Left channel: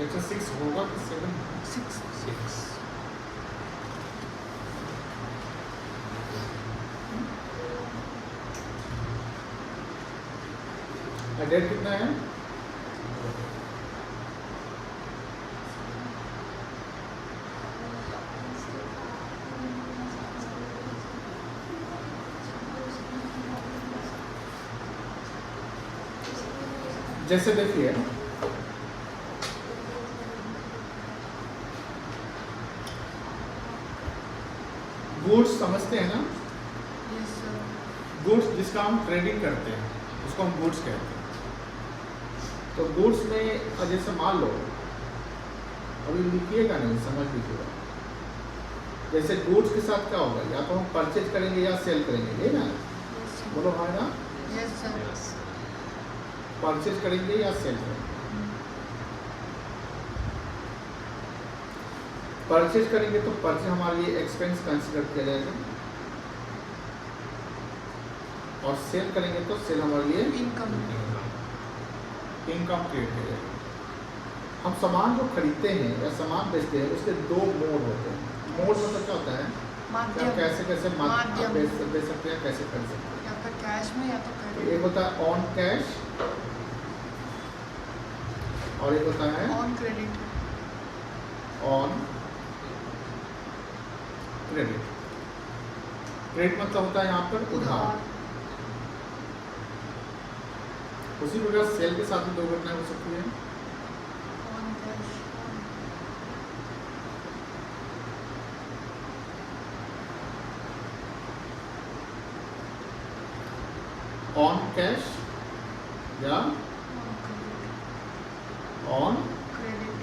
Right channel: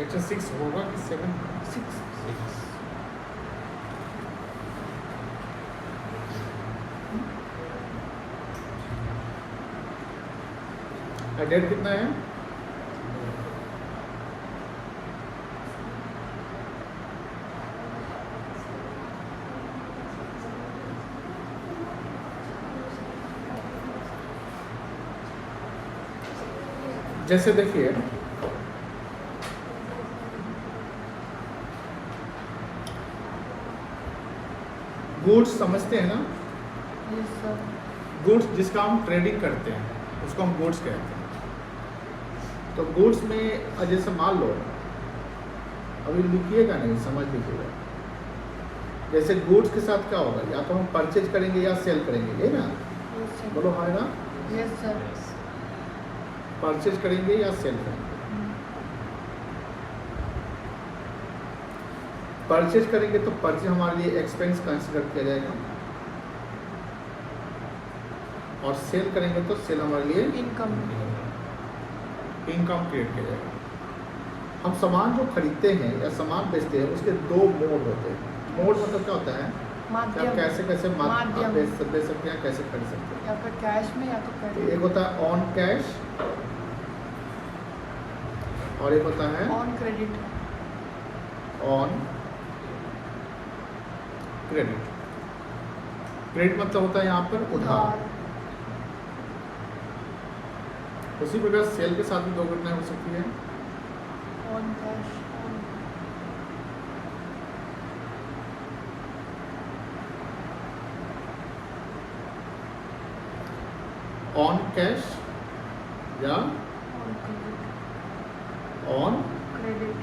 Lecture 6 होगा कि 7? 6 date कितना है? जैसे देखिए गुड्स समझते हैं ना, यस सर। गुड्स जिसका हम क्रेडिट करते हैं उसको हम गुड्स कहते हैं। तो गुड्स में जैसे मान लो, अभी लिखिएगा नहीं, समझ लीजिएगा। जैसे गुड्स के साथ क्या होगा, या तो हम परचेज करेंगे या सेल करेंगे, ये ना? Yes sir. बोलो हाँ ना? Yes sir. परचेज करेंगे या सेल करेंगे। परचेज करेंगे तो परचेज हमारे लिए एक्सपेंस कंसिडर किया जाएगा, और सेल करेंगे तो सेल हमारे लिए इनकम क्रिएट किया जाएगा। हम सामान जो खरीदते हैं या सामान बेचते हैं उसके दो मोड होते हैं। मोड मतलब क्या होता है? माध्यम, कैसे कैसे माध्यम बेच सकते हैं, कैसे खरीद सकते हैं। या फिर कैश में या तो तो क्रेडिट। एक होता है ऑन कैश और एक होता है on credit. On credit. Credit मतलब होता है यहाँ पर उधार। उसी प्रकार सेल के साथ भी दो घटना हो सकती है। ऑन कैश, ऑन कैश या on credit. On credit.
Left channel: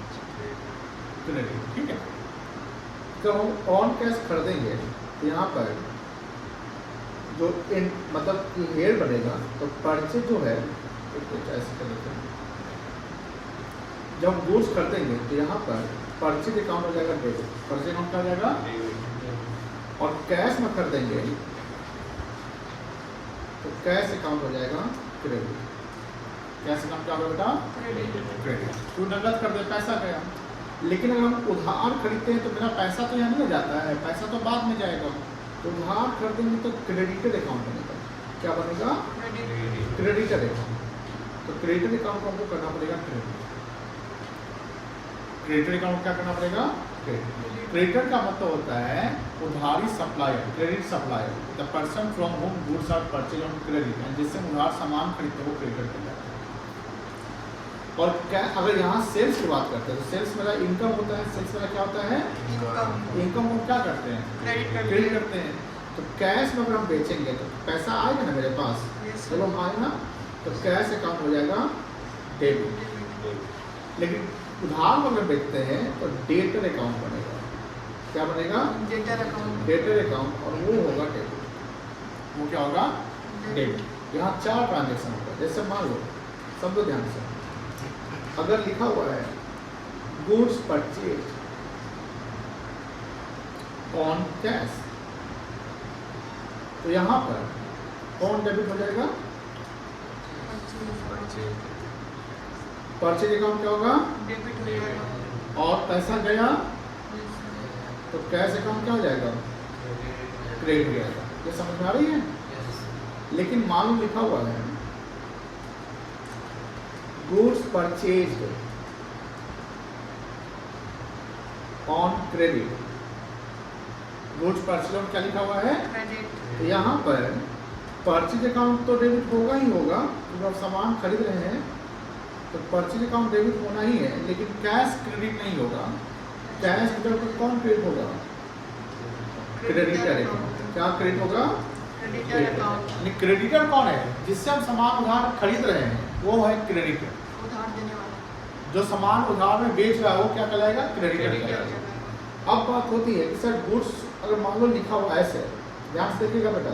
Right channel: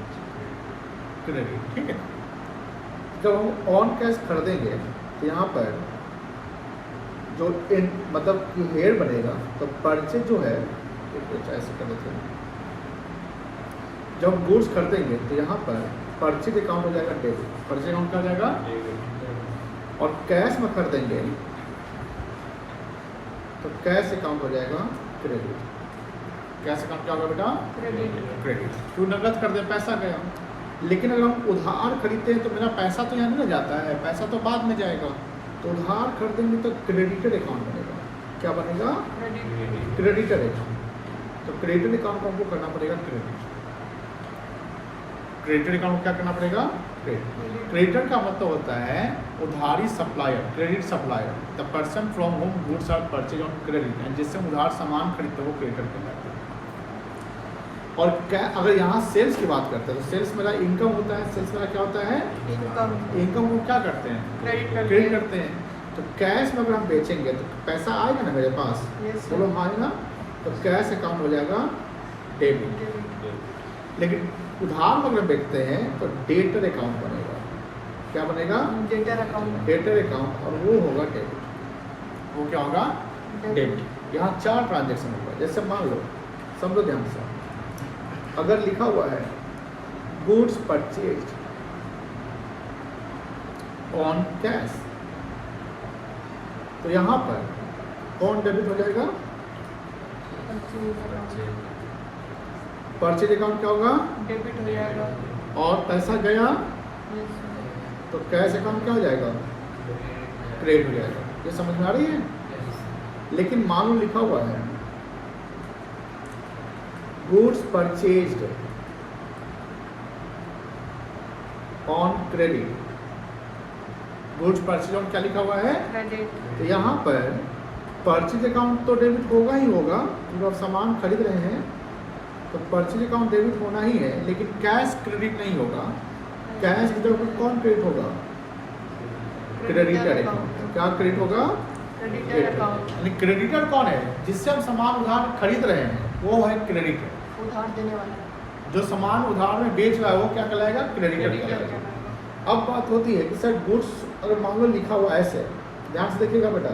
Credit, ठीक है। जब हम ऑन कैश खरीदेंगे तो यहाँ पर जो मतलब हेयर बनेगा, तो परचेज जो है कुछ ऐसे कर लेते हैं। जब हम गुड्स खरीदेंगे तो यहाँ पर परचेज अकाउंट हो जाएगा डेबिट, परचेज अकाउंट का जाएगा। और कैश में खरीदेंगे तो कैश अकाउंट हो जाएगा क्रेडिट। कैश अकाउंट क्या होगा बेटा? क्रेडिट। तो नकद कर दे, पैसा गया। लेकिन अगर हम उधार खरीदते हैं तो मेरा पैसा तो यहाँ नहीं जाता है, पैसा तो बाद में जाएगा। तो उधार खरीदेंगे तो क्रेडिटर अकाउंट बनेगा। क्या बनेगा? Creditor account. तो क्रेडिटर अकाउंट को हमको करना पड़ेगा क्रेडिट। क्रेडिटर अकाउंट क्या करना पड़ेगा? क्रेडिटर का मतलब होता है उधारी supplier, credit supplier, the person from whom goods are purchase on credit, जिससे उधार सामान खरीदते हो क्रेडिटर कहलाता है। और क्या अगर यहाँ सेल्स की बात करते हैं तो सेल्स मेरा इनकम होता है। सेल्स मेरा क्या होता है? इनकम को क्या करते हैं? क्रेडिट करते हैं। तो कैश में अगर हम बेचेंगे तो पैसा आएगा ना मेरे पास, चलो आएगा, तो कैश अकाउंट हो जाएगा डेबिट। लेकिन उधार में अगर बेचते हैं तो डेटर अकाउंट बनेगा। क्या बनेगा? Debtor account. डेटर अकाउंट, और वो होगा डेबिट। वो क्या होगा? डेबिट। यहाँ 4 ट्रांजेक्शन होगा। जैसे मान लो, समझो ध्यान से, अगर लिखा हुआ है गुड्स परचेज ऑन कैश, तो यहाँ पर कौन डेबिट हो जाएगा? परचेज अकाउंट क्या होगा? डेबिट हो जाएगा। और पैसा गया तो कैश अकाउंट क्या हो जाएगा? क्रेडिट हो जाएगा। ये समझ में आ रही है? लेकिन मान लो लिखा हुआ है goods purchased on credit. Goods purchase on क्या लिखा हुआ है? क्रेडिट। तो यहाँ पर परचेज अकाउंट तो डेबिट होगा ही होगा, जब सामान खरीद रहे हैं तो परचेज अकाउंट डेबिट होना ही है, लेकिन कैश क्रेडिट नहीं होगा। कैश मतलब कौन क्रेडिट होगा? Creditor account. क्या क्रेडिट होगा? Creditor account. यानी क्रेडिटर कौन है? जिससे हम सामान उधार खरीद रहे हैं वो है क्रेडिटर। उधार देने वाला, जो सामान उधार में बेच रहा है वो क्या कहलाएगा? क्रेडिटर कहलाएगा। अब बात होती है कि सर गुड्स अगर मान लो लिखा हुआ ऐसे, ध्यान से देखिएगा बेटा,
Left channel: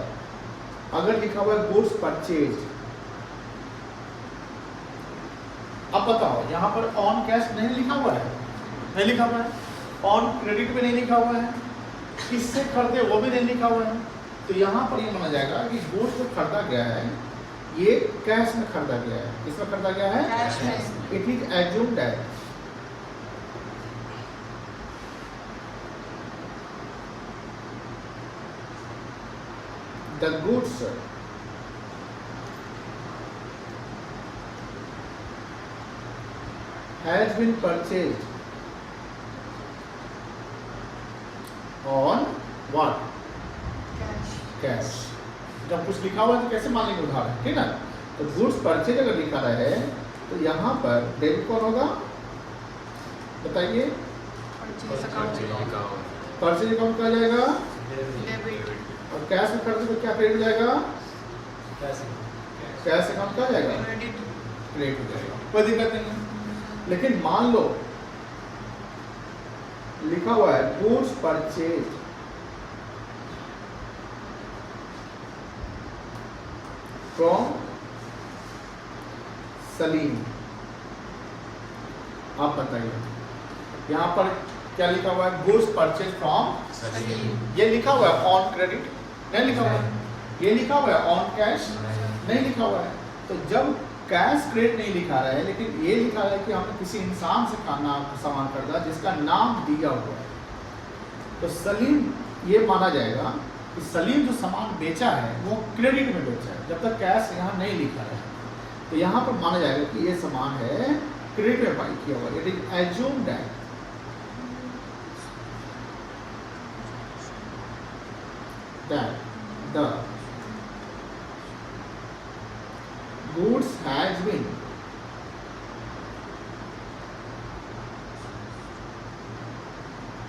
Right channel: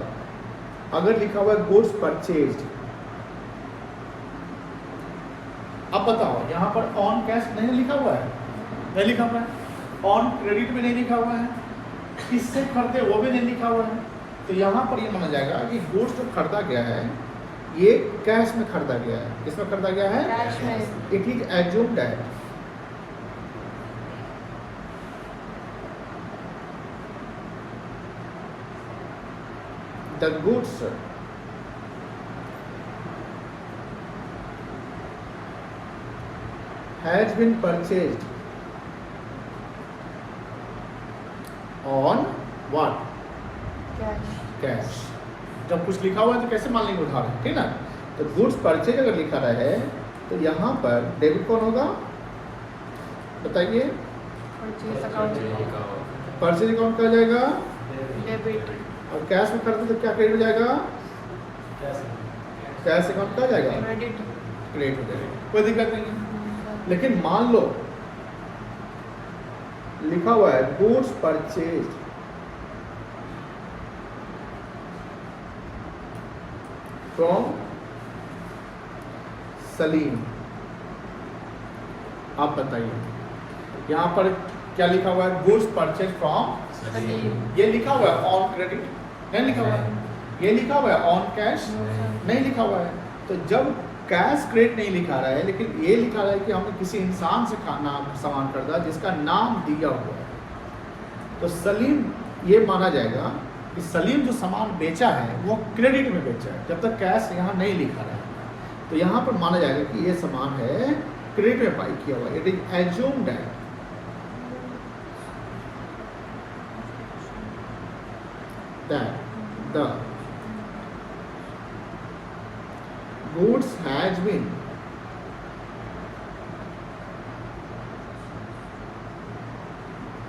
अगर लिखा हुआ है गुड्स परचेज, अब बताओ यहाँ पर ऑन कैश नहीं लिखा हुआ है, नहीं लिखा हुआ है, ऑन क्रेडिट भी नहीं लिखा हुआ है, किससे खरीदे वो भी नहीं लिखा हुआ है। तो यहाँ पर ये माना जाएगा कि गुड्स जो खरीदा गया है ये कैश में खरीदा गया है। किसमें खरीदा गया है? कैश में। इट इज एज्यूम्ड है the goods has been purchased on what? Cash cash. जब कुछ लिखा हुआ है तो कैसे मान लेंगे उधार है, ठीक ना? तो गुड्स परचेज अगर लिखा रहा है तो यहाँ पर डेबिट कौन होगा बताइए? परचेज अकाउंट परचेज अकाउंट क्या जाएगा? डेबिट और कैश में खर्च तो क्या क्रेडिट हो जाएगा? कैश अकाउंट क्या जाएगा? क्रेडिट क्रेडिट हो जाएगा, कोई दिक्कत नहीं है। लेकिन मान लो लिखा हुआ है गुड्स परचेज फ्रॉम सलीम, आप बताइए यहाँ पर क्या लिखा हुआ है? गुड्स परचेज फ्रॉम सलीम ये लिखा हुआ है ऑन क्रेडिट, नहीं लिखा हुआ है। ये लिखा हुआ है ऑन कैश, नहीं लिखा हुआ है। तो जब कैश क्रेडिट नहीं लिखा रहा है लेकिन ये लिखा रहा है कि हमने किसी इंसान से नाम सामान खरीदा जिसका नाम दिया हुआ है, तो सलीम ये माना जाएगा कि सलीम जो सामान बेचा है वो क्रेडिट में बेचा है, जब तक कैश यहाँ नहीं लिखा रहा है। तो यहाँ पर माना जाएगा कि ये सामान है क्रेडिट में बाई किया हुआ। It is assumed that the goods has been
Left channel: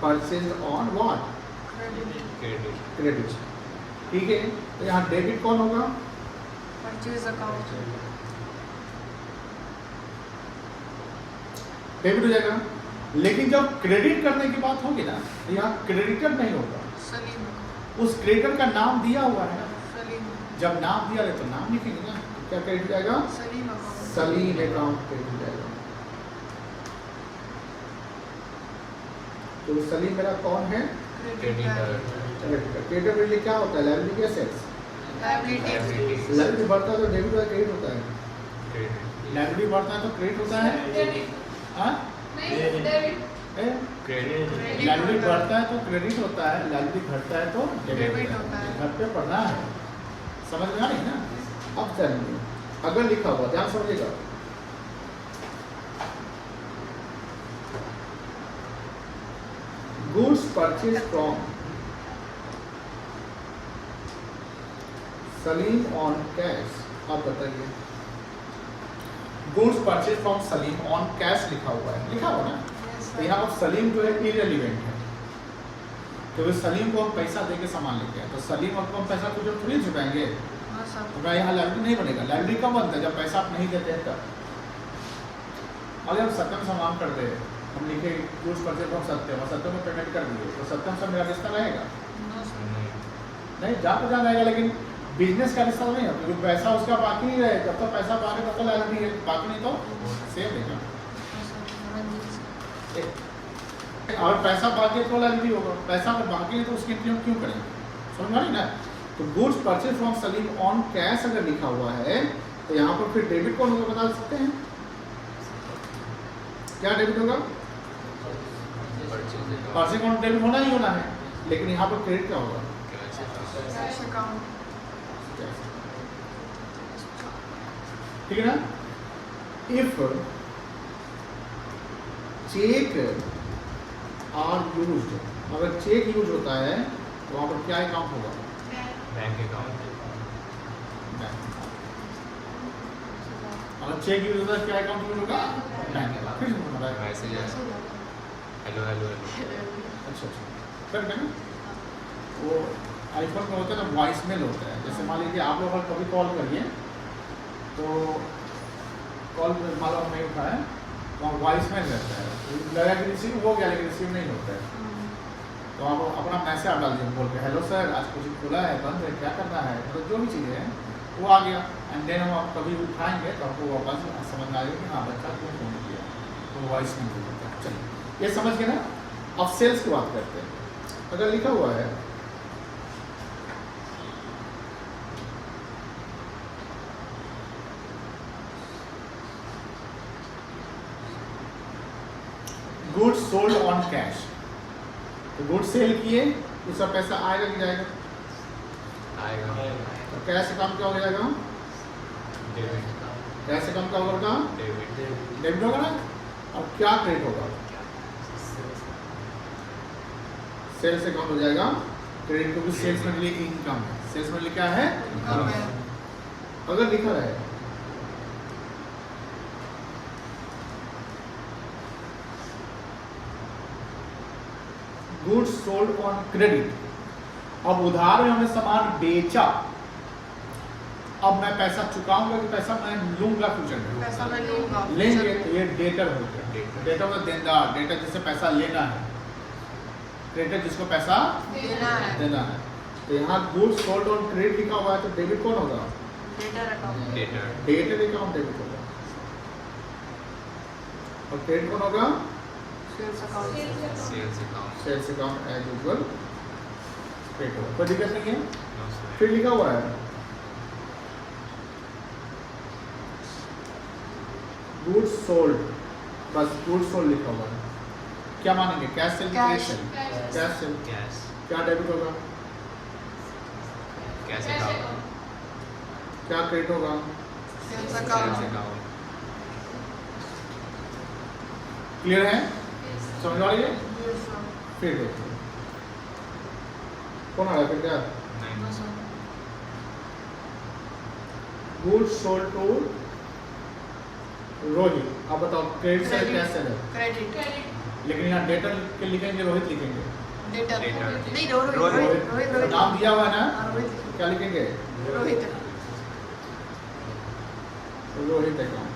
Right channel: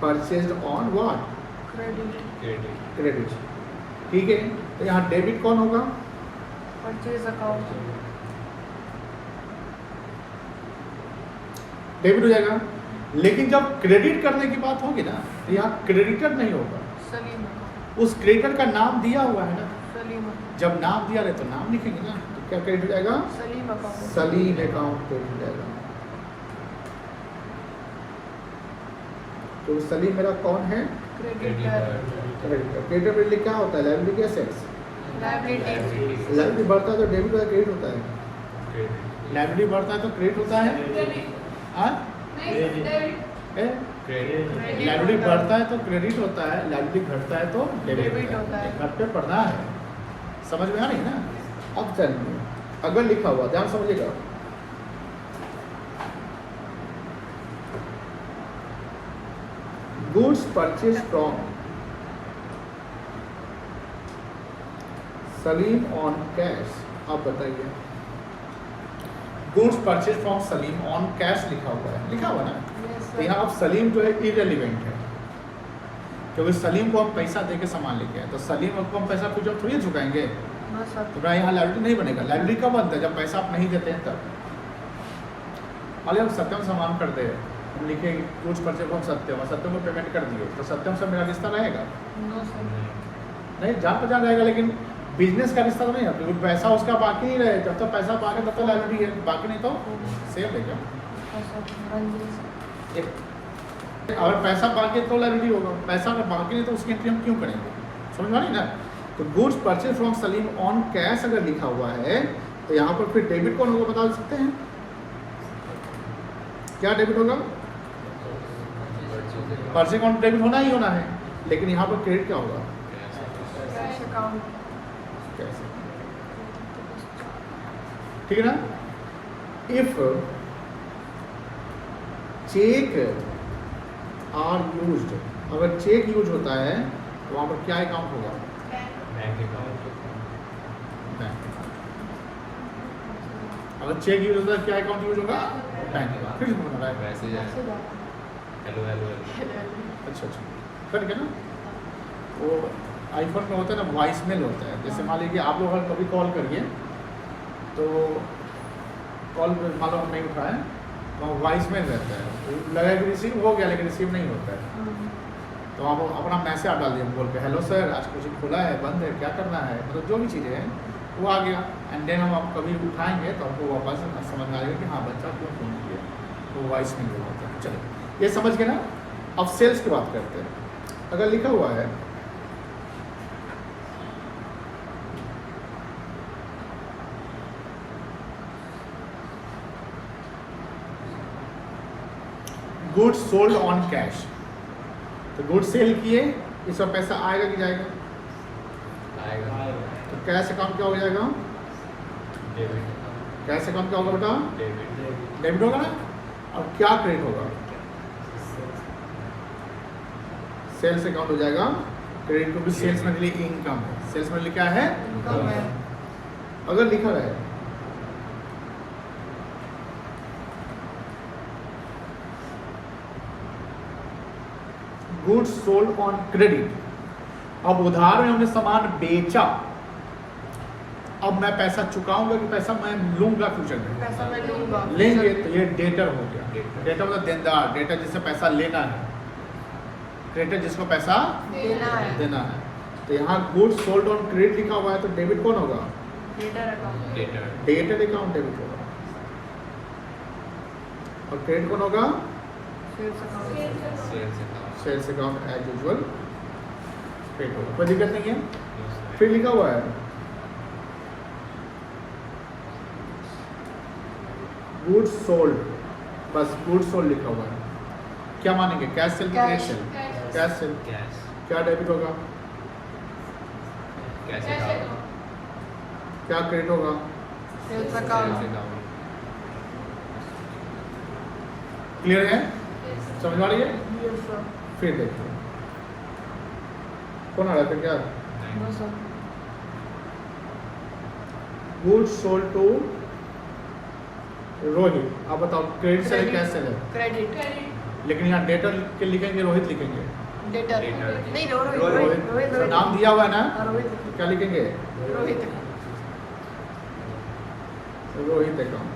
purchased on what? Credit credit. ठीक है, तो यहाँ डेबिट कौन होगा? परचेज अकाउंट डेबिट हो जाएगा। लेकिन जब क्रेडिट करने की बात होगी ना तो यहाँ क्रेडिटर नहीं होगा, सलीम अकाउंट उस क्रेडिटर का नाम दिया हुआ है ना। सलीम अकाउंट जब नाम दिया रहे तो नाम लिखेंगे ना, तो क्या क्रेडिट हो जाएगा? Salim account Salim account credit हो जाएगा। तो सलीम मेरा कौन है? Creditor creditor. क्रेडिटर क्या होता है? Liability assets. लायबिलिटी लायबिलिटी बढ़ता है तो डेबिट या क्रेडिट होता है? लायबिलिटी बढ़ता है तो क्रेडिट होता है। हाँ, लायबिलिटी बढ़ता है तो क्रेडिट होता है, लायबिलिटी घटता है तो डेबिट होता है। घर पे पढ़ना है, समझ में आ रही ना? अब चलिए अगर लिखा हुआ ध्यान समझिएगा, goods purchase from Salim on cash. आप बताइए, goods purchase from Salim on cash लिखा हुआ है, लिखा हुआ ना? तो यहाँ अब सलीम जो है इररिलेवेंट है, क्योंकि सलीम को हम पैसा देके सामान लेके आए, तो सलीम को हम पैसा कुछ थोड़ी चुकाएंगे, तो यहाँ लायबिलिटी नहीं बनेगा। लायबिलिटी कब बनता है? जब पैसा आप नहीं देते हैं तब। अरे हम सत्यम सामान कर दे, हम लिखे गुड्स परचेज फ्रॉम सत्यम और सत्यम को पेमेंट कर दिए, तो सत्यम से मेरा रिश्ता रहेगा नहीं, जहाँ पर जहाँ रहेगा। लेकिन बिजनेस का रिश्ता तो नहीं है, क्योंकि पैसा उसका बाकी ही रहे, जब तक पैसा बाकी तब तक लायबिलिटी है, बाकी नहीं तो सेम है क्या? और पैसा बाकी तो लायबिलिटी होगा, पैसा अगर बाकी है तो उसकी एंट्री हम क्यों करेंगे? समझ में आ रही ना? तो goods purchase from Salim on cash अगर लिखा हुआ है तो यहाँ पर फिर डेबिट कौन होगा बता सकते हैं? क्या डेबिट होगा? परचेज अकाउंट डेबिट होना ही होना है, लेकिन यहाँ पर क्रेडिट क्या होगा? कैश अकाउंट ठीक है ना? इफ चेक आर यूज्ड, अगर चेक यूज होता है तो वहां पर क्या अकाउंट होगा? अगर चेक यूज होता है क्या अकाउंट यूज होगा? Bank account. फिर बता रहा है अच्छा फिर क्या ना, वो आईफोन में होता है ना वॉइस मेल होता है। जैसे मान लीजिए आप लोग अगर कभी कॉल करिए तो कॉल मान लो हम नहीं उठाए, वहाँ वॉइस मेल रहता है, लगा कि रिसीव हो गया लेकिन रिसीव नहीं होता है, तो आप अपना मैसेज आप डाल दिए बोल के हेलो सर आज कुछ खुला है बंद है क्या करना है, तो जो भी चीज़ें हैं वो आ गया। एंड देन हम आप कभी उठाएंगे तो आपको वापस समझ में आएगा कि हाँ बच्चा क्यों फोन किया, तो वॉइस मेल होता है। चलो ये समझ गए ना? अब सेल्स की बात करते हैं। अगर लिखा हुआ है गुड्स सोल्ड ऑन कैश, तो गुड्स सेल किए उसका पैसा आएगा कि जाएगा? तो कैश अकाउंट क्या हो जाएगा? कैश अकाउंट क्या होगा? डेबिट होगा ना। अब क्या क्रेडिट होगा? सेल्स अकाउंट हो जाएगा क्रेडिट, क्योंकि सेल्स में लिए इनकम है। सेल्स में क्या है? इनकम है। अगर लिखा है गुड्स सोल्ड ऑन क्रेडिट, अब उधार में हमने सामान बेचा, अब मैं पैसा चुकाऊंगा कि पैसा मैं लूंगा फ्यूचर में? पैसा मैं लूंगा। लेंगे, तो ये डेटर हो गया। डेटर होगा देनदार, डेटर जिससे पैसा लेना है, क्रेडिटर जिसको पैसा देना है। देना है। तो यहाँ गुड्स सोल्ड ऑन क्रेडिट लिखा हुआ है, तो डेबिट कौन होगा? Debtor account. Debtor account debit होगा, और क्रेडिट कौन होगा? Sales account. Sales account as usual credit होगा, कोई दिक्कत नहीं है। फिर लिखा हुआ है गुड्स सोल्ड, बस गुड्स सोल्ड लिखा हुआ है। क्या मानेंगे? कैश सेल की कैश। सेल? Cash sale. क्या डेबिट होगा? क्या क्रेडिट होगा? Sales account. क्लियर है? समझ आ रही है? Yes sir. फिर देखो कौन आ रहा था? क्या no sir. Goods sold to Rohit. अब बताओ क्रेडिट सेल कैश सेल है, क्रेडिट। लेकिन यहाँ डेटर के लिखेंगे रोहित लिखेंगे? डेटर। डेटर। नहीं रोहित। रोहित। नाम दिया हुआ है ना, हाँ, रोहित लिखिए। क्या लिखेंगे? रोहित। रोहित अकाउंट।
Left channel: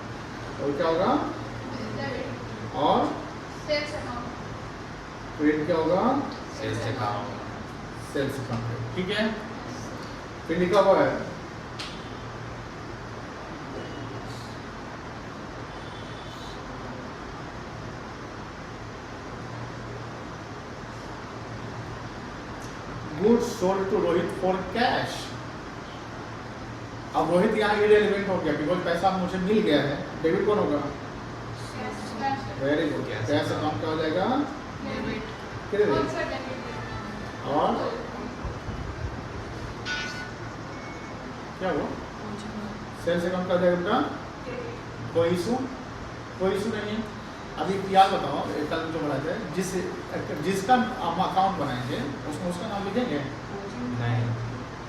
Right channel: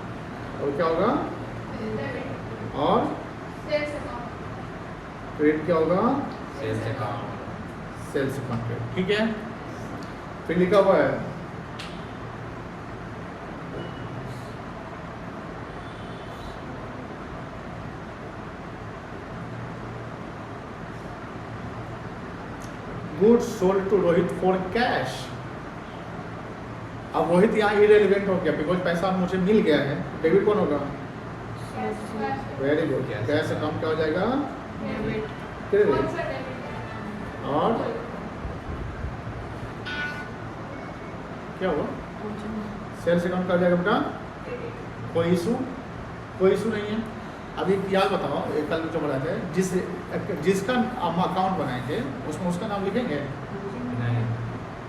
और क्या होगा? और क्रेडिट क्या होगा? Sales account. ठीक है, फिर लिखा हुआ है goods sold to Rohit for cash. अब रोहित यहाँ इरेलीवेंट हो गया, बिकॉज पैसा मुझे मिल गया है। डेबिट कौन होगा? Very good. कैश अकाउंट क्या हो जाएगा? डेबिट। क्रेडिट। और क्या हुआ? सेल्स अकाउंट का जाएगा बेटा? कोई इशू? कोई इशू नहीं है। अभी याद बताओ, एक कल जो बनाते हैं, जिसका हम अकाउंट बनाएंगे उसमें उसका नाम लिखेंगे?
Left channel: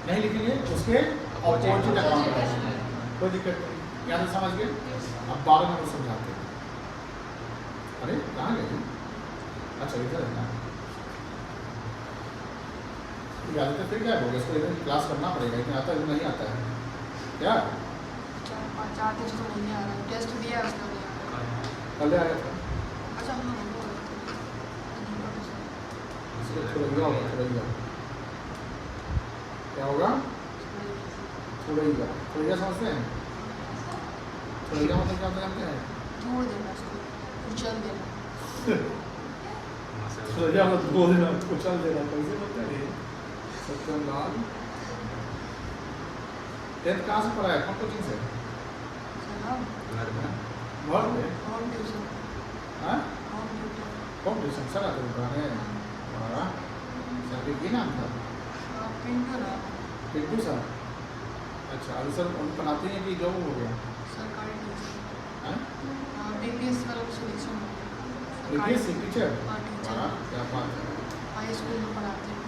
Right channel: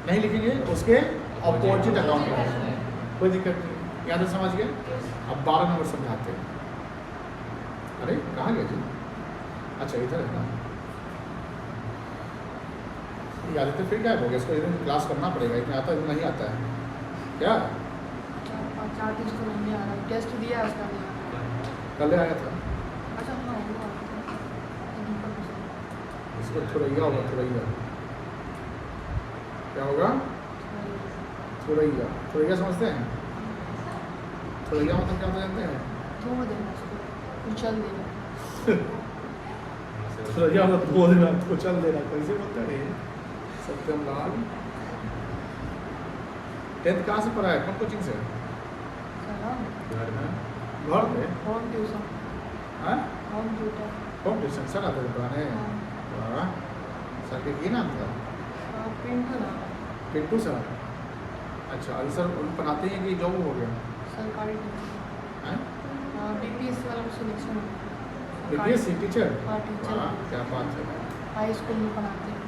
नहीं लिखेंगे, उसके अपोजिट अकाउंट बनाएंगे। कोई दिक्कत नहीं, याद है? समझ गए? अब 12 नंबर समझाते हैं। अरे कहाँ गए तुम? अच्छा इधर है ना, याद है? फिर क्या होगा? इसको इधर क्लास करना पड़ेगा, इसमें आता है नहीं आता है क्या? 4 दिन से नहीं आ रहा। टेस्ट दिया है उसका नहीं आ रहा। कल आया था अच्छा हाँ वो आया था। इसको थोड़ा होगा, थोड़ा क्या होगा? थोड़ा समझते हैं? थोड़ा मतलब क्या जानते हैं? धो देना उसको, कुचल देना। थोड़ा मतलब बोल देना, कुचल देना, कैसे बोलते हैं? सत्यम लाल 10th कहाँ से पढ़ा है? कौन कोचिंग से? सलाम। घर में? Home tuition. हाँ? Home tutor. होम ट्यूशन चला था पढ़ाने? वाह, सर की नाम था? हाँ पिंटू ना। पिंटू सर। अच्छा, अरे सर उन पढ़ाते हैं कि जॉब हो गया? सरकारी टीचर। हैं? बीपीएस वाला सिलेक्शन हो गया। BPSC teacher? हाँ टीचर। वाह, क्या बात है। हाई स्कूल में पढ़ाते हैं।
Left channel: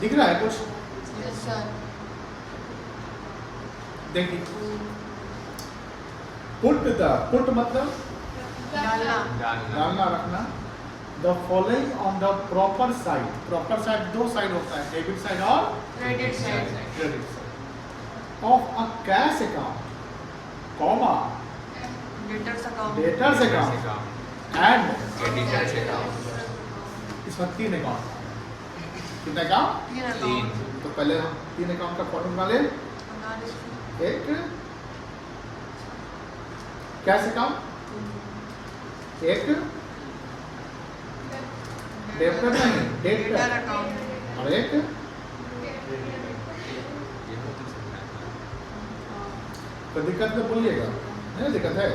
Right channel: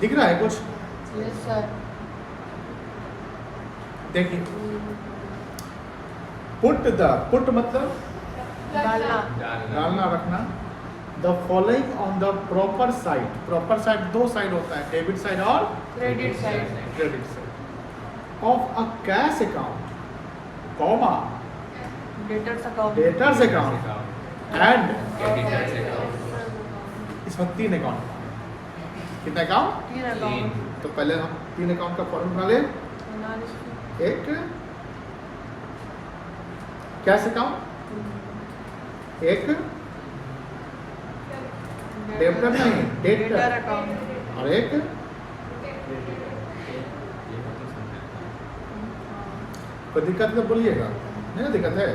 दिख रहा है कुछ? Yes sir. देखिए, पुट मतलब डालना। डालना, रखना। The following on the proper side. Proper side दो साइड होता है, डेबिट साइड और credit side. Credit side of a cash account, comma debtors account. Debtors account and इसमें 3 अकाउंट। कितने अकाउंट? 3 अकाउंट। तो पहले हम 3 अकाउंट का फॉर्मेट बना ले। एक कैश अकाउंट, एक डेबिटर नहीं, डेटर अकाउंट। और एक कोई दिक्कत तो बोलिएगा, नहीं दिक्कत है?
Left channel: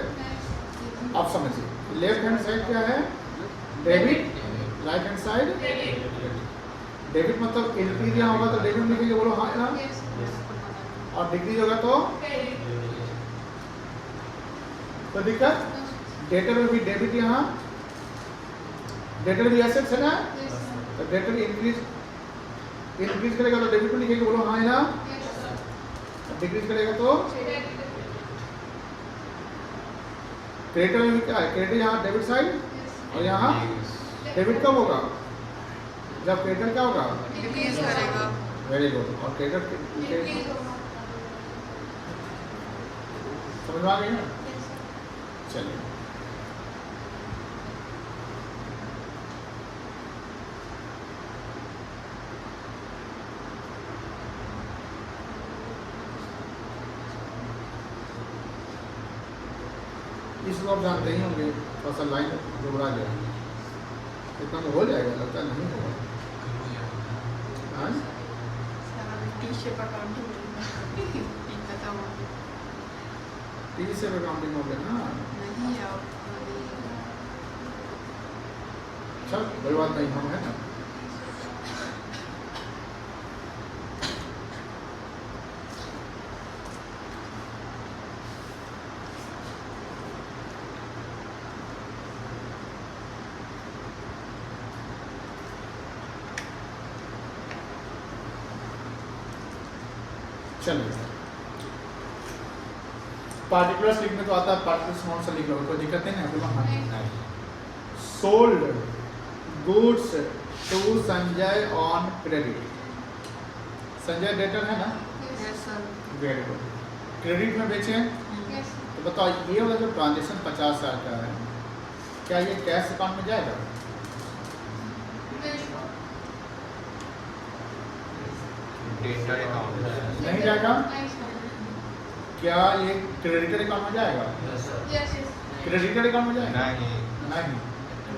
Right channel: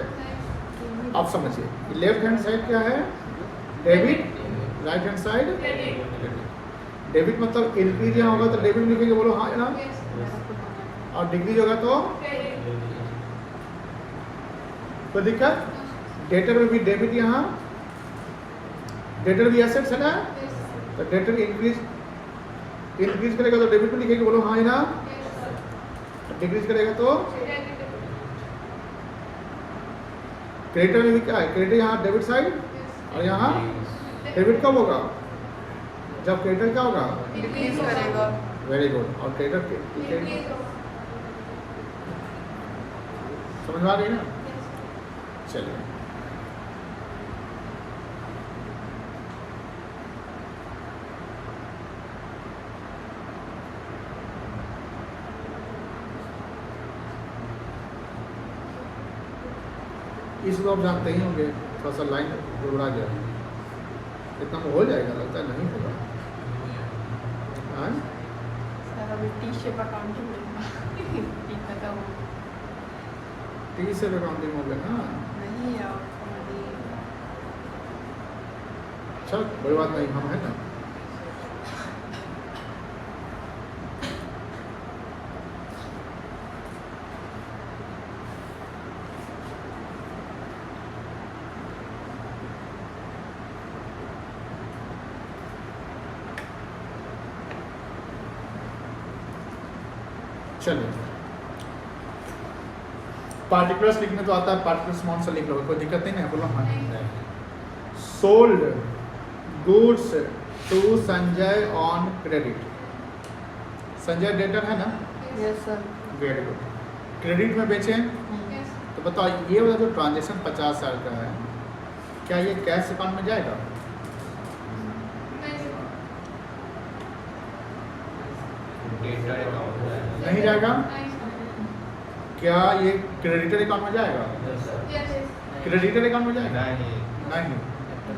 आप समझिए, लेफ्ट हैंड साइड क्या है? Debit right hand side debit मतलब इंक्रीज यहाँ होगा तो डेबिट में लिखेंगे, बोलो हाँ ना, मेरा खुद बनाया। और डिक्रीज होगा तो दिक्कत। डेटर में भी डेबिट, यहाँ डेटर भी एसेट्स है ना, तो डेटर इंक्रीज करेगा तो डेबिट में लिखेंगे, बोलो हाँ ना, डिक्रीज करेगा तो क्रेडिटर में भी क्या है, क्रेडिटर यहाँ डेबिट साइड और यहाँ डेबिट कब होगा, जब क्रेडिटर क्या होगा, डिक्रीज करेगा। Very good. और क्रेडिटर समझ में आ गई ना, चलिए इस बार जानते ही होंगे, थोड़ा सा लाइन घबरा जाएगी, इतना तो हो जाएगा, लगता है नहीं होगा। हाँ? सर अभी टी शेप अकाउंटिंग टी खत्म हो गया। टी से अकाउंटिंग हो गया ना, नहीं अब नहीं। चल कोई बात नहीं, हम है ना। चलिए पार्टिकुलर्स लिखने को आता है, पार्टिकुलर्स नाउन से लिख लो, कोई दिक्कत नहीं है, बोलो हाँ। Sold goods to Sanjay on credit. Sanjay debtor है ना, yes sir. Very good. Credit में बेचे, तो बताओ ये वाला जो ट्रांजेक्शन 50,000 का है, क्या ये कैश अकाउंट में जाएगा, नहीं जाएगा, क्या ये क्रेडिटर अकाउंट में जाएगा, क्रेडिटर अकाउंट में जाएगा, नहीं।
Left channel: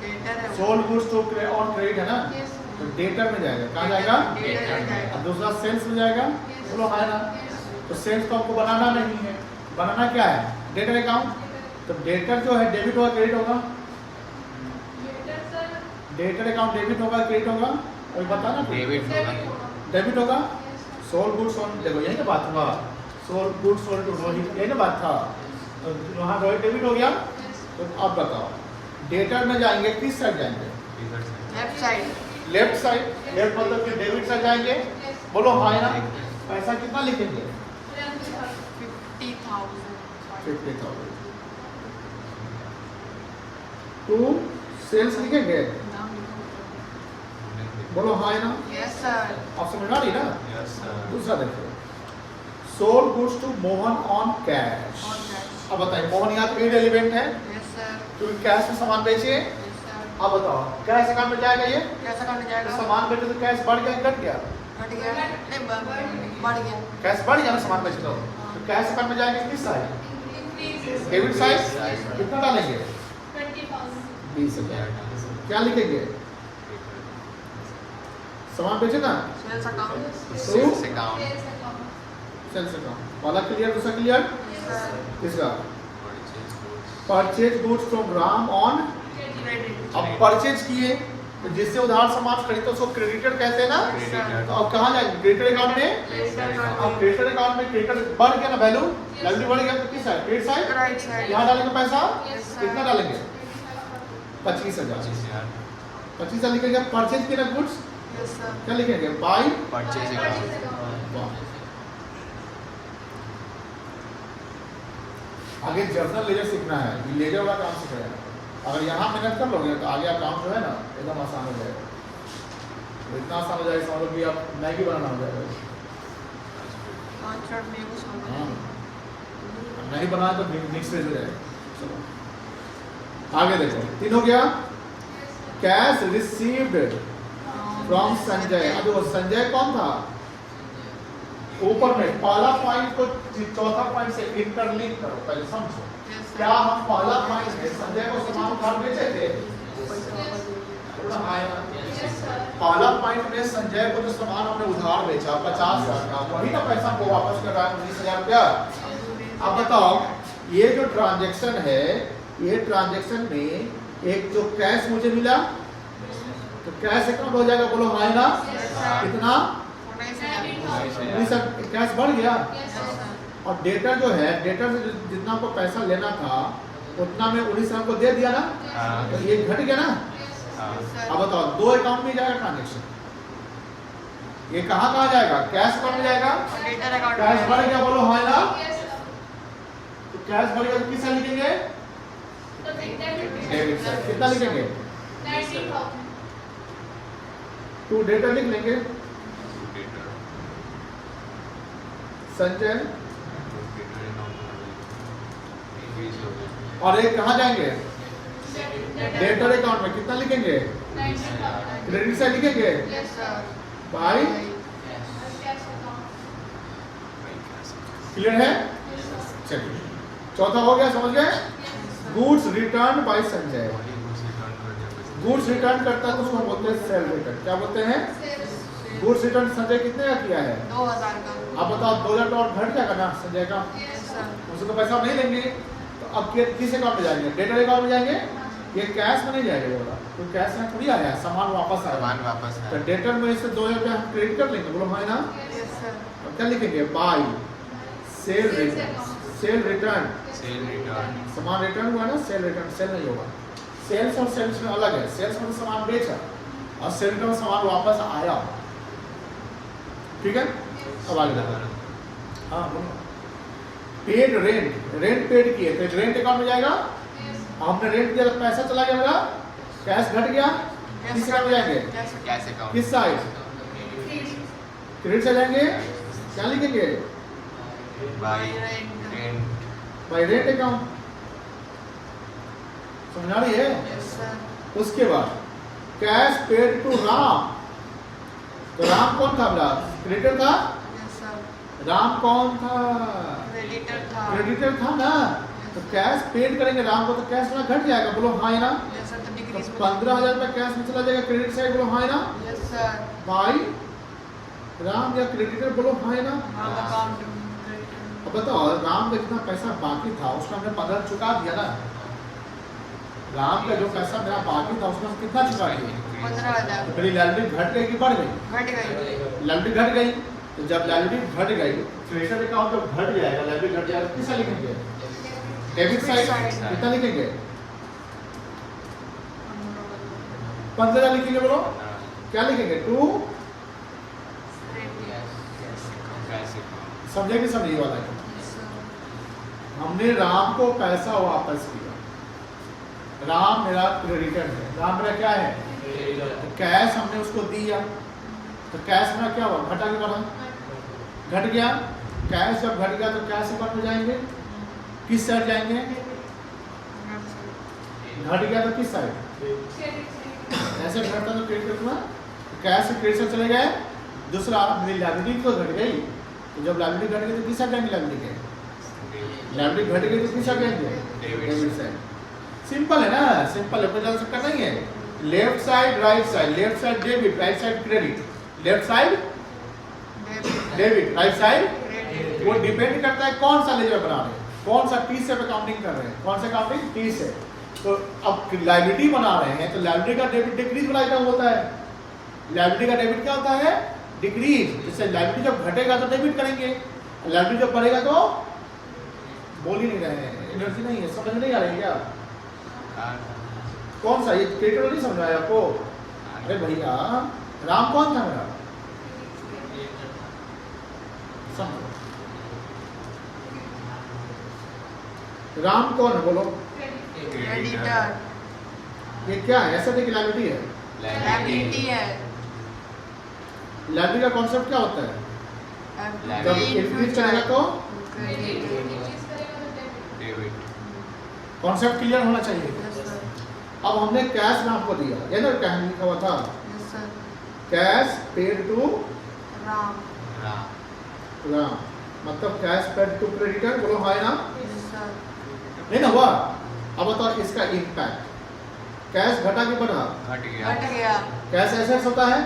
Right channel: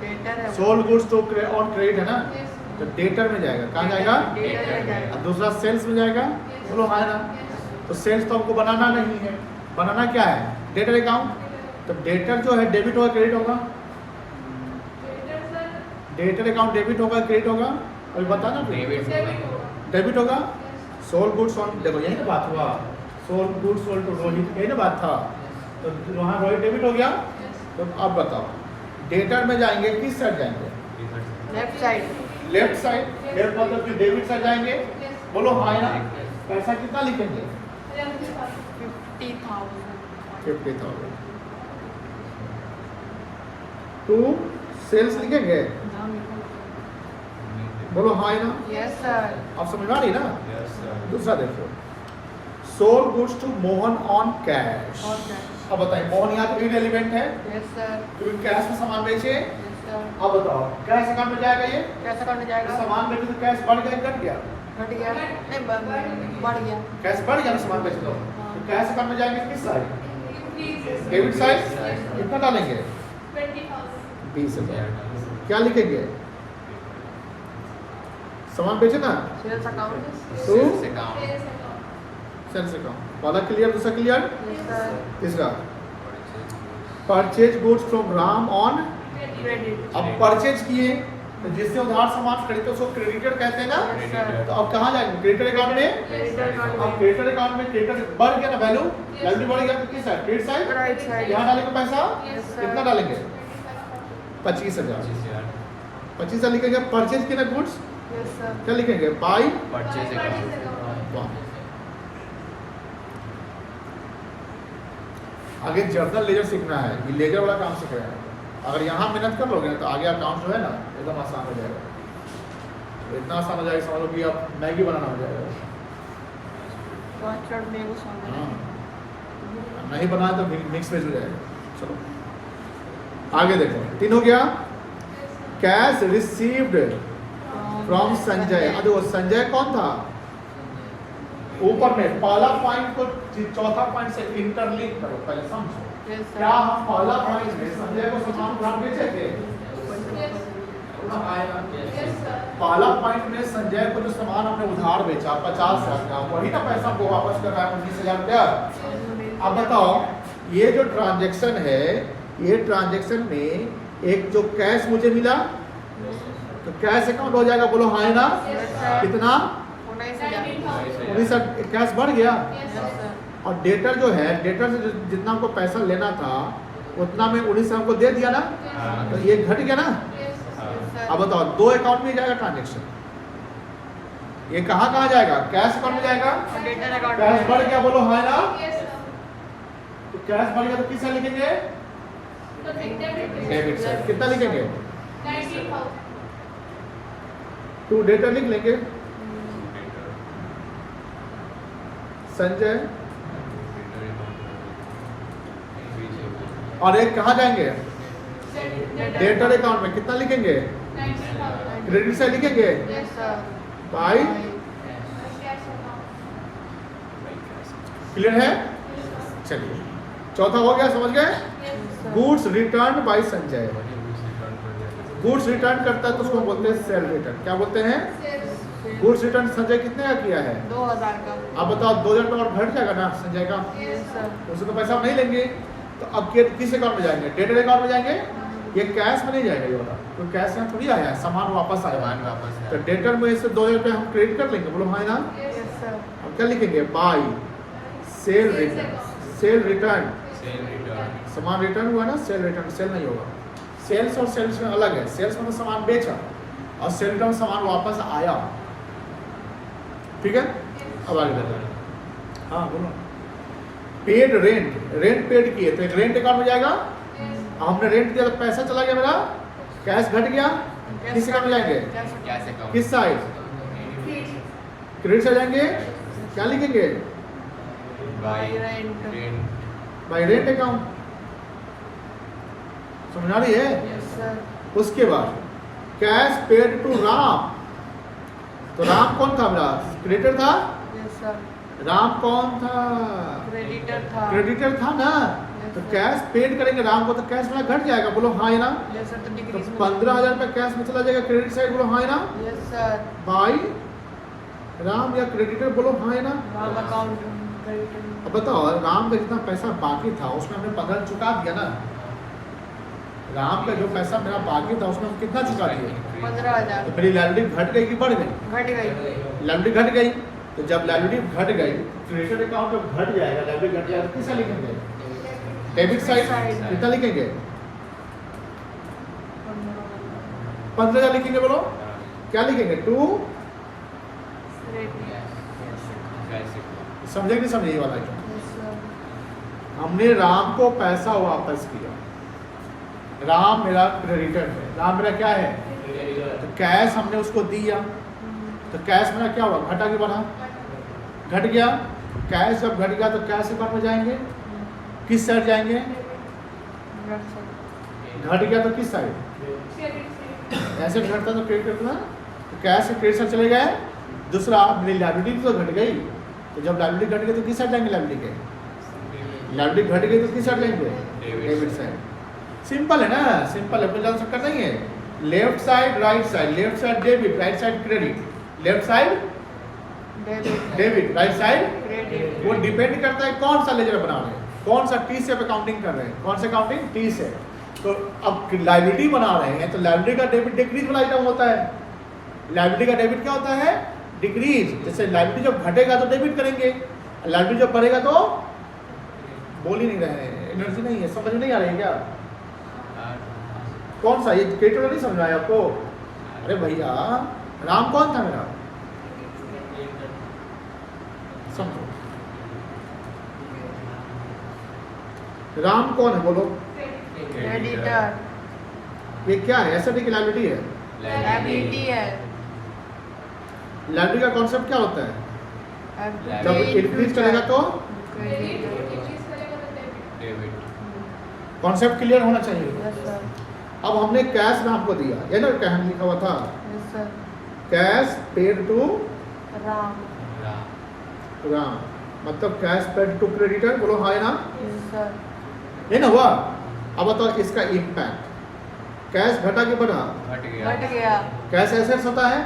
डेटर है वो। सोल्ड गुड्स तो ऑन क्रेडिट है ना, तो डेटर में जाएगा, कहाँ जाएगा, डेटर में जाएगा। और दूसरा सेल्स में जाएगा, बोलो हाँ ना। तो सेल्स तो हमको बनाना नहीं है, बनाना क्या है, डेटर अकाउंट। तो डेटर जो है डेबिट होगा क्रेडिट होगा, डेटर अकाउंट डेबिट होगा क्रेडिट होगा, अभी बताना डेबिट होगा। सोल्ड गुड्स ऑन, देखो यही तो बात हुआ, sold goods sold to Rohit, यही ना बात था, तो वहाँ रोहित डेबिट हो गया। तो अब बताओ डेटर में जाएंगे किस साइड जाएंगे, left side. Left side, left मतलब कि डेबिट साइड जाएंगे, बोलो हाँ ना। पैसा कितना लिखेंगे, 50,000। 50,000 टू सेल्स लिखेंगे, नाम लिखो। बोलो हाँ ना। Yes sir. आप समझ आ रही ना। दूसरा देखो, sold goods to Mohan on cash. और कैश। अब बताइए मोहन यहाँ तो इररिलेवेंट है, यस सर। तो कैश में सामान बेचे। Yes sir. अब बताओ कैश अकाउंट में जाएगा ये, कैश अकाउंट में तो जाएगा। सामान बेचे तो कैश बढ़ गया घट गया, घट गया नहीं बढ़ गया। कैश बढ़ गया ना सामान बेचे तो कैश अकाउंट में जाएंगे किस साइड, डेबिट साइड। कितना डालेंगे, 20,000। क्या लिखेंगे, सामान बेचे ना, सेल्स अकाउंट। सेल्स अकाउंट वाला क्लियर, दूसरा क्लियर। Yes sir. किसका, purchase goods from Ram on credit. अब परचेज किए तो जिससे उधार सामान खरीदो उसको क्रेडिटर कहते हैं ना। Yes sir. तो अब कहाँ जाएंगे, क्रेडिटर अकाउंट में। क्रेडिटर अकाउंट अब में। क्रेडिटर अकाउंट में क्रेडिटर बढ़ गया ना, वैल्यू बढ़ गया, तो किस side, credit side. Right side. यहाँ डालेंगे पैसा, Yes, sir. कितना डालेंगे, 25,000। 25,000 लिखेंगे। परचेज किए ना गुड्स, यस सर। क्या लिखेंगे, बाई परचेज अकाउंट। आगे जर्नल लेजर सीखना है, ये लेजर वाला काम सीखेगा। अगर यहाँ मेहनत कर लोगे ना तो आगे अकाउंट जो है ना एकदम आसान हो जाएगा, तो इतना आसान हो जाएगा समझ लो कि आप मैगी बनाना हो जाएगा। तो चट में वो सॉन्ग हाँ। बना। नहीं बनाया तो मिक्स वेज हो जाएगा। चलो आगे देखो, 3 हो गया। Cash received from Sanjay. अब देखो संजय कौन था, ऊपर में पहला पॉइंट को चौथा पॉइंट से इंटरलिंक करो, पहले समझो। Yes sir. क्या हम पहला पॉइंट में संजय को सामान उधार बेचे थे, पहला पॉइंट में संजय को जो सामान हमने उधार बेचा 50,000 का, वही तो पैसा को वापस कर रहा है 19,000 रुपया। अब बताओ ये जो ट्रांजैक्शन है, ये ट्रांजैक्शन में एक जो कैश मुझे मिला तो कैश अकाउंट हो जाएगा, बोलो हाँ ना। Yes sir. कितना? 19,000। 19 कैश बढ़ गया। Yes sir. और डेटर जो है, डेटर से जितना हमको पैसा लेना था उतना में 19 हमको दे दिया ना, तो ये घट गया ना। Yes sir. अब बताओ, दो अकाउंट में जाएगा ट्रांजेक्शन, ये कहाँ कहाँ जाएगा? कैश अकाउंट में जाएगा। और डेटर अकाउंट कैश बढ़ में। गया, बोलो हाँ ना। तो कैश बढ़ गया तो किस साइड लिखेंगे? Debit side. कितना लिखेंगे? 2 डेटर लिख लेंगे। संजय, और एक कहाँ जाएंगे? डेटर अकाउंट में। कितना लिखेंगे? क्रेडिट साइड लिखेंगे। Yes sir. भाई क्लियर है? चलिए, चौथा हो गया, समझ गए? Goods return by Sanjay. Goods return करता है तो उसको बोलते हैं सेल रिटर्न। क्या बोलते हैं? गुड्स रिटर्न संजय कितने का किया है? 2000 का। आप बताओ, 2000 और घट जाएगा ना संजय का, यस सर। उससे तो पैसा हम नहीं लेंगे। तो अब किस अकाउंट में जाएंगे? डेटर अकाउंट में जाएंगे। ये कैश में नहीं जाएगा, ये वाला तो कैश में थोड़ी आया, सामान वापस आया। तो डेटर में इससे 2000 रुपये हम क्रेडिट कर लेंगे, बोलो हाँ ना। Yes sir. और क्या लिखेंगे? By sale return. Sale return, सामान रिटर्न हुआ ना, सेल रिटर्न। सेल नहीं होगा, सेल्स और सेल्स में अलग है। सेल्स में सामान बेचा और सेल रिटर्न सामान वापस आया। ठीक है, अब आगे बढ़ो। हाँ बोलो। पेड रेंट, रेंट पेड किए तो रेंट अकाउंट में जाएगा। हमने रेंट दिया तो पैसा चला गया मेरा, कैश घट गया। किस अकाउंट में जाएंगे? किस साइड? क्रेडिट से जाएंगे। क्या लिखेंगे? Bye rent. Bye rent account. समझ आ रही है? Yes sir. उसके बाद कैश पेड टू राम। तो राम कौन था मेरा? क्रेडिटर था। Yes sir. राम कौन था? क्रेडिटर था। क्रेडिटर था ना। तो कैश पेड करेंगे राम को तो कैश में घट जाएगा, बोलो हाँ ना। Yes sir. तो डिक्रीज में 15,000 रुपये कैश में चला जाएगा क्रेडिट साइड, बोलो हाँ ना। Yes sir. बाई राम या क्रेडिटर, बोलो हाँ ना। Ram account creditor. अब बताओ, राम का जितना पैसा बाकी था उसमें हमने 15 चुका दिया ना। राम का जो पैसा मेरा बाकी था उसमें कितना चुका दिया? 15,000। तो मेरी लाइबिलिटी घट गई कि बढ़ गई? घट गई। लाइबिलिटी घट गई। तो जब लाइबिलिटी घट गई, क्रेडिट अकाउंट जब घट जाएगा, लाइबिलिटी घट जाएगा, किसका लिखेंगे? Debit side. कितना लिखेंगे? 15,000 लिखेंगे, बोलो क्या लिखेंगे? 2। समझे कि समझे वाला है? हमने राम को पैसा वापस किया। राम मेरा क्रेडिटर है, राम मेरा क्या है? तो कैश हमने उसको दिया, तो कैश मेरा क्या हुआ? घटा कि बढ़ा? घट गया। कैश जब घट गया तो कैश अकाउंट में जाएंगे। किस साइड जाएंगे? घट गया तो किस साइड? ऐसे घटता तो क्रेडिट में, तो कैश से क्रेडिट साइड चले गए। दूसरा, मेरी लाइबिलिटी तो घट गई, तो जब लाइबिलिटी घट गई तो किस साइड जाएंगे? लाइबिलिटी के लाइबिलिटी घट गई तो किस साइड जाएंगे? Debit side. सिंपल है ना, सिंपल है, कोई जान सकता नहीं है। Left side right side, left side debit, right side credit. Left side debit, right side credit. वो डिपेंड करता है कौन सा लेजर बना रहे हैं, कौन सा टी से अकाउंटिंग कर रहे हैं, कौन सा अकाउंटिंग टी से। तो अब लाइबिलिटी बना रहे हैं तो लाइबिलिटी का डेबिट डिक्रीज वाला आइटम होता है। लाइबिलिटी का डेबिट क्या होता है? डिक्रीज। जैसे लाइबिलिटी जब घटेगा तो डेबिट करेंगे, लाइबिलिटी जब बढ़ेगा तो बोल ही नहीं रहे हैं, एनर्जी नहीं है, समझ नहीं आ रही है क्या? कौन सा? ये क्रेडिट नहीं समझ रहा है आपको? अरे भैया, राम कौन था मेरा? समझो, राम कौन है बोलो? क्रेडिटर। ये क्या है? ऐसा नहीं लाइबिलिटी है, लायबिलिटी है। लाइबिलिटी का कॉन्सेप्ट क्या होता है? जब इंक्रीज करेगा तो कॉन्सेप्ट क्लियर होना चाहिए। Yes sir. अब हमने कैश राम को दिया, ये ना कहानी लिखा हुआ था, yes sir. Cash paid to Ram. Ram, मतलब कैश पेड टू क्रेडिटर, बोलो हाँ ना। Yes sir. नहीं ना हुआ? अब बताओ इसका इम्पैक्ट, कैश घटा के बढ़ा? घट गया। कैश ऐसे होता है,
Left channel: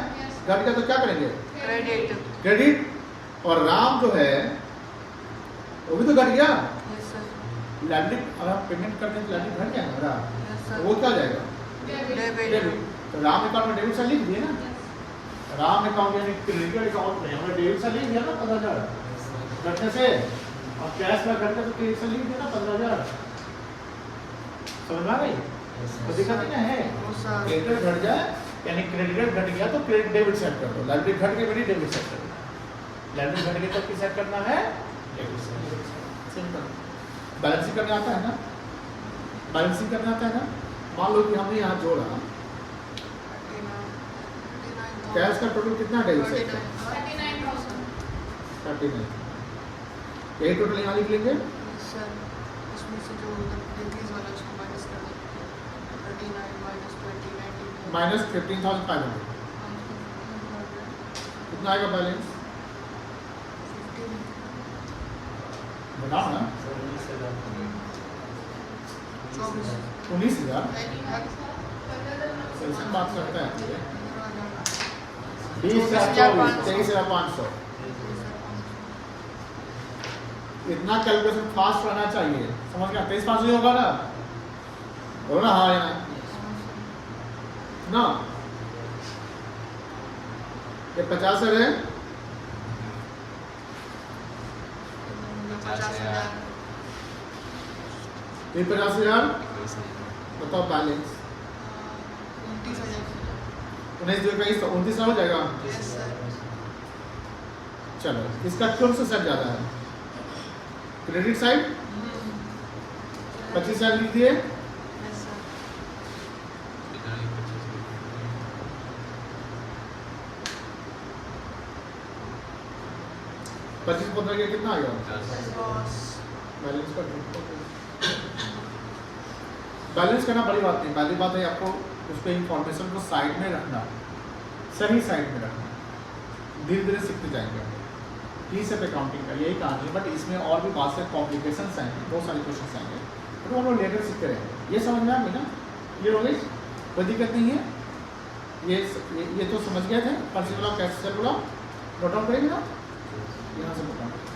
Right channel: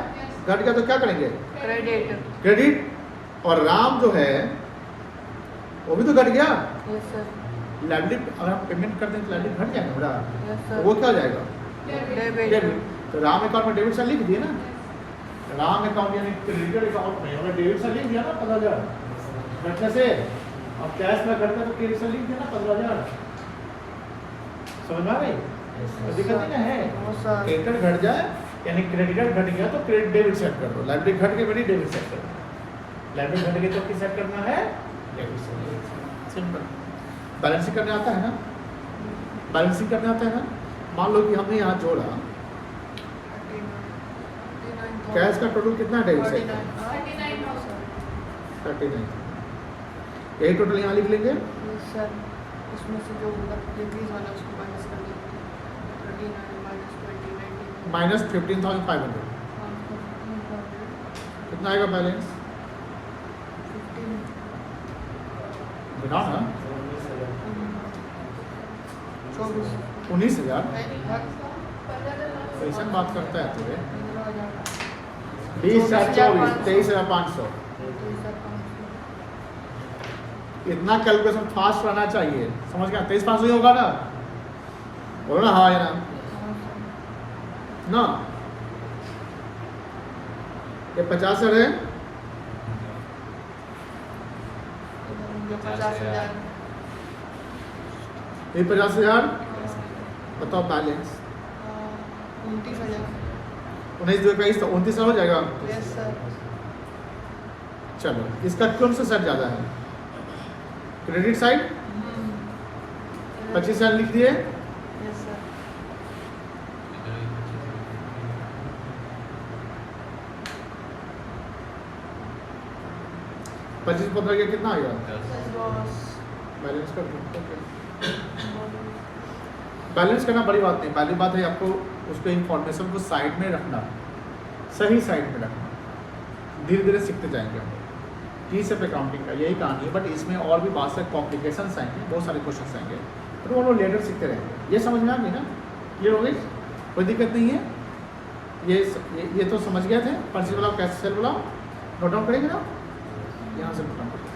घट गया तो क्या करेंगे? क्रेडिट। क्रेडिट। और राम जो है वो भी तो घट गया। Yes sir. लाइबिलिटी अगर हम पेमेंट करते हैं तो लाइबिलिटी घट जाएगा मेरा, यस तो सर। वो क्या हो जाएगा? डेबिट। डेबिट। तो राम अकाउंट में डेबिट साइड लिख दिए ना, राम अकाउंट यानी क्रेडिट अकाउंट में हमने डेबिट साइड लिख दिया ना 15,000 घटने से, और कैश में घटना तो क्रेडिट साइड लिख दिया ना 15,000। समझ में आ गई? तो दिक्कत नहीं ना है, क्रेडिटर घट जाए यानी क्रेडिटर घट गया तो क्रेडिट डेबिट सेट कर दो, लाइब्रेरी घट गई मेरी डेबिट सेट कर दो, लाइब्रेरी घट गई तो किस सेट करना है, डेबिट सेट। सिंपल। बैलेंसिंग करने आता है ना, बैलेंसिंग करने आता है ना। मान लो कि हमने यहाँ जोड़ा कैश का टोटल कितना है, डेबिट सेट 39, यही टोटल यहाँ लिख लेंगे। सर उसमें से जो डिक्रीज वाला उसको माइनस कर देंगे, 39 माइनस 20 19 माइनस 15,500 कितना आएगा बैलेंस 15 बताओ ना, 24 19,000। हर कैसे बात करता है तुझे? 20,000 23,500। इतना कैलकुलेशन फास्ट रहना चाहिए, समझ गया? 23,500 ही होगा ना, बोलो ना हाँ या ना। ये 50 है, जो 50,000 ये 50,000। बताओ बैलेंस 29,000। 19 जो 29 हो जाएगा। Yes sir. चलो इसका कौन सा साइड ज़्यादा है, क्रेडिट साइड 25 साल लिख दिए। Yes sir. पच्चीस को ये कितना आ गया बॉस बैलेंस कर बैलेंस करना बड़ी बात नहीं, पहली बात है आपको उसके इंफॉर्मेशन को साइड में रखना, सही साइड में रखना, धीरे धीरे सीखते जाएंगे हम लोग। ये सब अकाउंटिंग का यही कहानी है, बट इसमें और भी बहुत सारे कॉम्प्लिकेशंस आएंगे, बहुत सारे क्वेश्चन आएंगे, तो वो लोग लेटर सीखते रहेंगे। ये समझ में आ गई ना, ये हो गई, कोई दिक्कत नहीं है। ये तो समझ गए थे, पर्ची वाला कैसे बोला, नोट डाउन करेंगे ना, यहाँ से नोट डाउन करेंगे।